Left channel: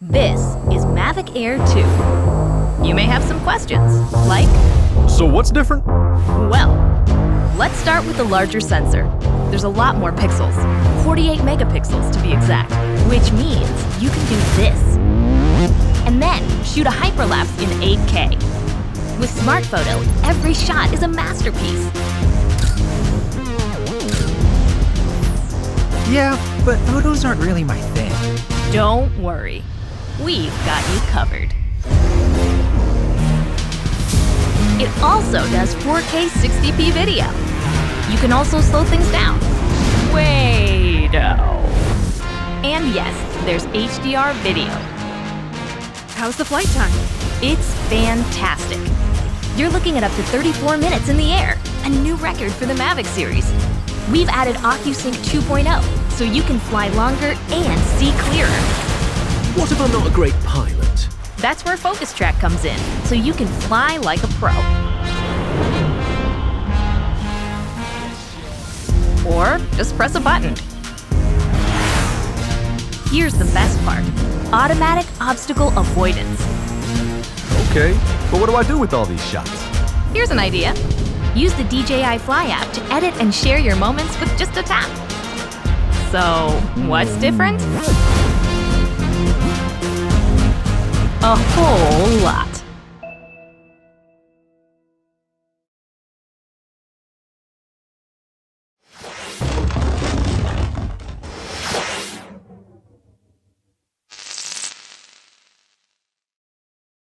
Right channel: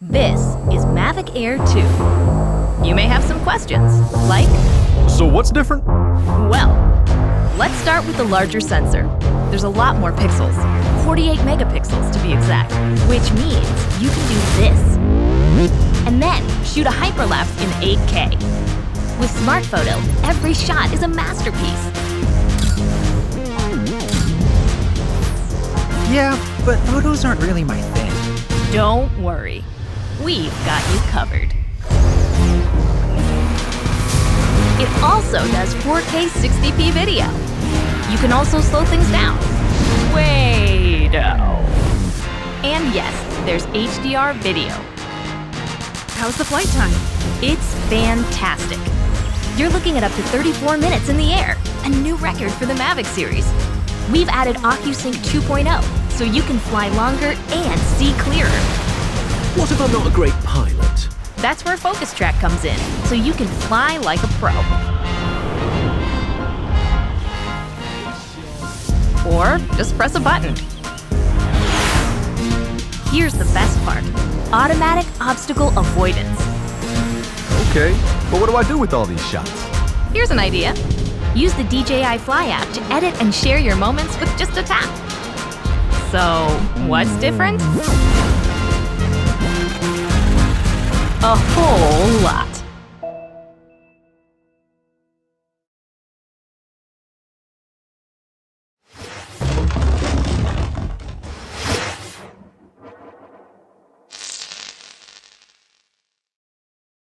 This is Mavic Air 2. You may have some questions, like, So what's different? well, let's start with the larger sensor. There's a lot more pixels, 48 megapixels to be exact, which means you can do this. And then shoot a hyperlapse in 8K. With Smart Photo, every shot is a masterpiece. Yeah, but photos aren't really my thing. Don't worry, we've got you covered. It also does 4K 60p video. You can also slow things down. Way-do. And yes, there's HDR video. How's the flight time? It's fantastic. You're looking at up to 34 minutes in the air, a new record for the Mavic series. We've added OcuSync 2.0, so you can fly longer and see clearer. What if I'm not a great pilot? That's where Focus Track comes in, so you can fly like a pro. Or just press a button. Here's the best part: automatic obstacle avoidance. Okay, but what do I do with all these shots? Here's an idea. Use the DJI Fly app to edit and share your moments with just a tap. So, what's different? A whole lot.